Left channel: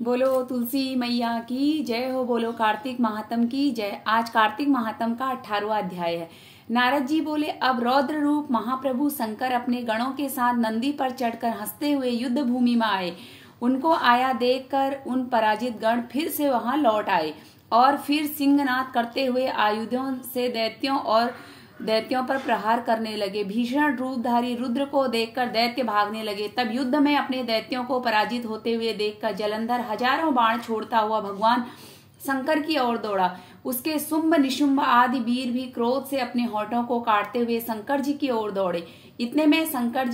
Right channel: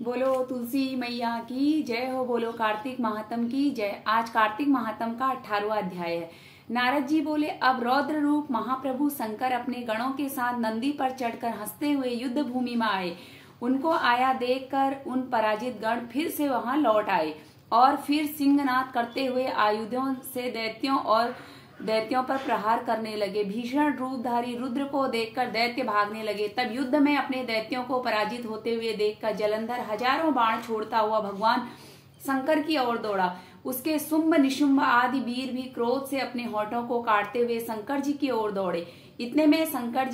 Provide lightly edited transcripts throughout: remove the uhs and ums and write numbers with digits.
बोलो तुलसी मैया की जय हो। बोलो कार्तिक महात्म की जय। आज कार्तिक महात्म का 18वां अध्याय है। नारद जी बोले, अब रौद्र रूप महाप्रभु शंकर अपने गणों के साथ नंदी पर चढ़कर हंसते हुए युद्ध भूमि में आए। उनको आया देखकर उन पराजित गण फिर से वहां लौट आए और फिर सिंहनाद करते हुए आयुधों से दैत्यों पर प्रहार करने लगे। भीषण रूपधारी रुद्र को देखकर दैत्य भागने लगे। तब युद्ध में अपने दैत्यों को पराजित होते हुए देखकर जलंधर हजारों बाण छोड़ता हुआ भगवान शंकर की ओर दौड़ा। उसके शुंभ निशुंभ आदि वीर भी क्रोध से अपने होठों को काटते हुए शंकर जी की ओर दौड़े। इतने में शंकर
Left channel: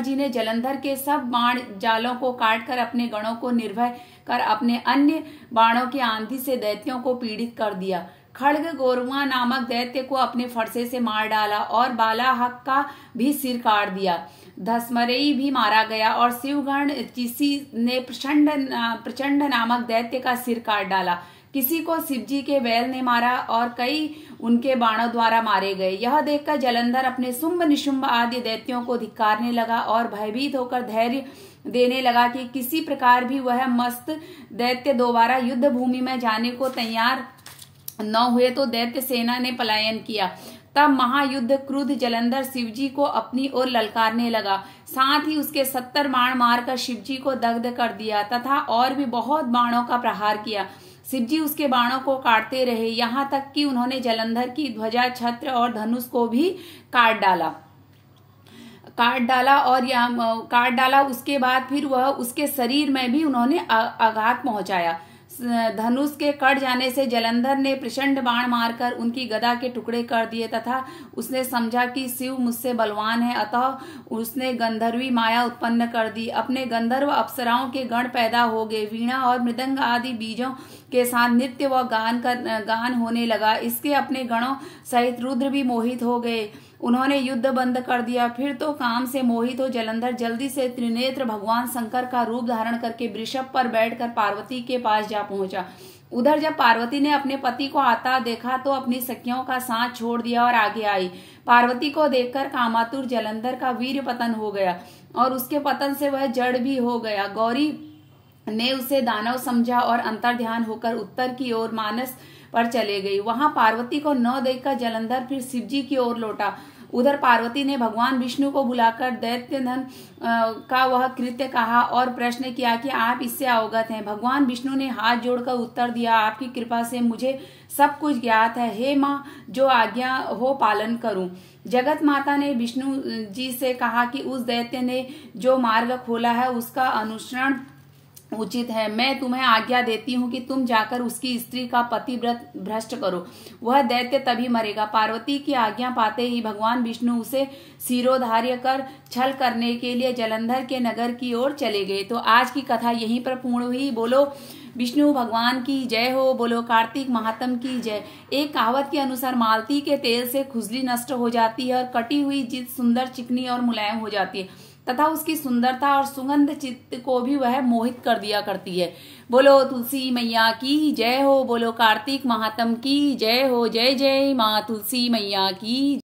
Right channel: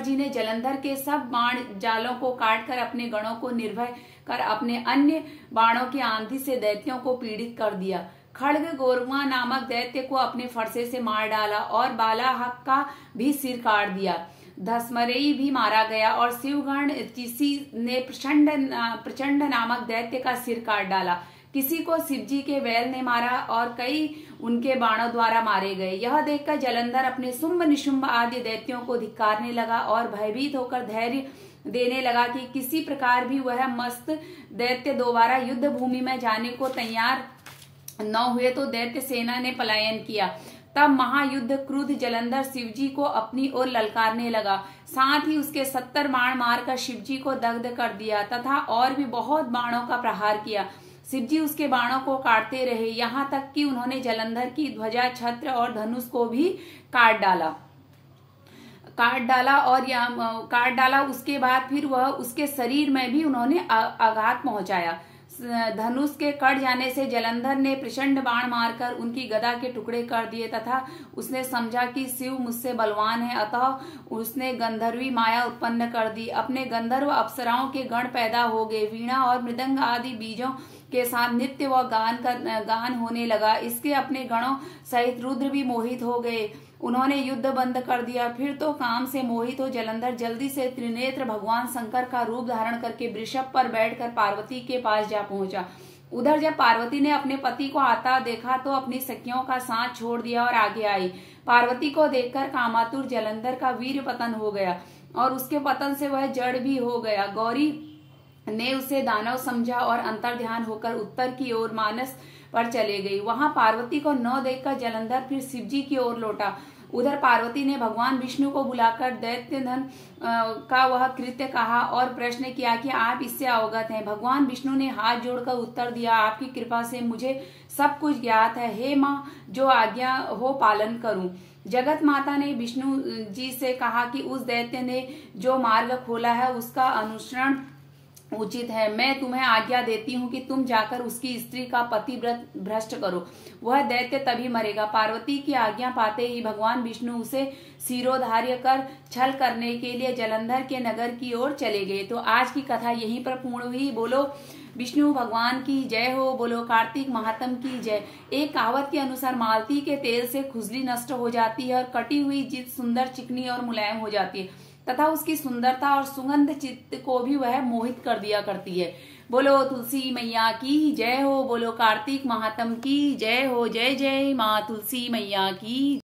जी ने जलंधर के सब बाण जालों को काटकर अपने गणों को निर्भय कर अपने अन्य बाणों की आंधी से दैत्यों को पीड़ित कर दिया। खड्ग गोरुआ नामक दैत्य को अपने फरसे से मार डाला और बालाहक का भी सिर काट दिया। धसमरेई भी मारा गया और शिवगण किसी ने प्रचंड नामक दैत्य का सिर काट डाला। किसी को शिवजी के बैल ने मारा और कई उनके बाणों द्वारा मारे गए। यह देखकर जलंधर अपने शुंभ निशुंभ आदि दैत्यों को धिक्कारने लगा और भयभीत होकर धैर्य देने लगा कि किसी प्रकार भी वह मस्त दैत्य दोबारा युद्ध भूमि में जाने को तैयार न हुए तो दैत्य सेना ने पलायन किया। तब महायुद्ध क्रुद्ध जलंधर शिवजी को अपनी ओर ललकारने लगा। साथ ही उसके 70 बाण मारकर शिवजी को दग्ध कर दिया तथा और भी बहुत बाणों का प्रहार किया। शिवजी उसके बाणों को काटते रहे, यहाँ तक कि उन्होंने जलंधर की ध्वजा, छत्र और धनुष को भी काट डाला। उसके बाद फिर वह उसके शरीर में भी उन्होंने आघात पहुंचाया। धनुष के कट जाने से जलंधर ने प्रचंड बाण मारकर उनकी गदा के टुकड़े कर दिए तथा उसने समझा कि शिव मुझसे बलवान है, अतः उसने गंधर्वी माया उत्पन्न कर दी। अपने गंधर्व अप्सराओं के गण पैदा हो गए। वीणा और मृदंग आदि बीजों के साथ नृत्य व गान होने लगा। इसके अपने गणों सहित रुद्र भी मोहित हो गए। उन्होंने युद्ध बंद कर दिया। फिर तो काम से मोहित हो जलंधर जल्दी से त्रिनेत्र भगवान शंकर का रूप धारण करके वृषभ पर बैठकर पार्वती के पास जा पहुंचा। उधर जब पार्वती ने अपने पति को आता देखा तो अपनी सखियों का साथ छोड़ दिया और आगे आई। पार्वती को देखकर कामातुर जलंधर का वीर पतन हो गया और उसके पतन से वह जड़ भी हो गया। गौरी ने उसे दानव समझा और अंतर्ध्यान होकर उत्तर की ओर मानस पर चले गई। वहां पार्वती को न देखकर जलंधर फिर शिवजी की ओर लौटा। उधर पार्वती ने भगवान विष्णु को बुलाकर दैत्य धन का वह कृत्य कहा और प्रश्न किया कि आप इससे अवगत हैं। भगवान विष्णु ने हाथ जोड़कर उत्तर दिया, आपकी कृपा से मुझे सब कुछ ज्ञात है। हे माँ, जो आज्ञा हो पालन करूं। जगत माता ने विष्णु जी से कहा कि उस दैत्य ने जो मार्ग खोला है उसका अनुसरण उचित है। मैं तुम्हें आज्ञा देती हूँ कि तुम जाकर उसकी स्त्री का पतिव्रत भ्रष्ट करो, वह दैत्य तभी मरेगा। पार्वती की आज्ञा पाते ही भगवान विष्णु उसे शिरोधार्य कर छल करने के लिए जलंधर के नगर की ओर चले गए। तो आज की कथा यहीं पर पूर्ण हुई। बोलो विष्णु भगवान की जय हो। बोलो कार्तिक महात्म की जय। एक कहावत के अनुसार मालती के तेल से खुजली नष्ट हो जाती है और कटी हुई चीज सुंदर, चिकनी और मुलायम हो जाती है तथा उसकी सुंदरता और सुगंध चित्त को भी वह मोहित कर दिया करती है। बोलो तुलसी मैया की जय हो। बोलो कार्तिक महात्म की जय हो। जय जय माँ तुलसी मैया की।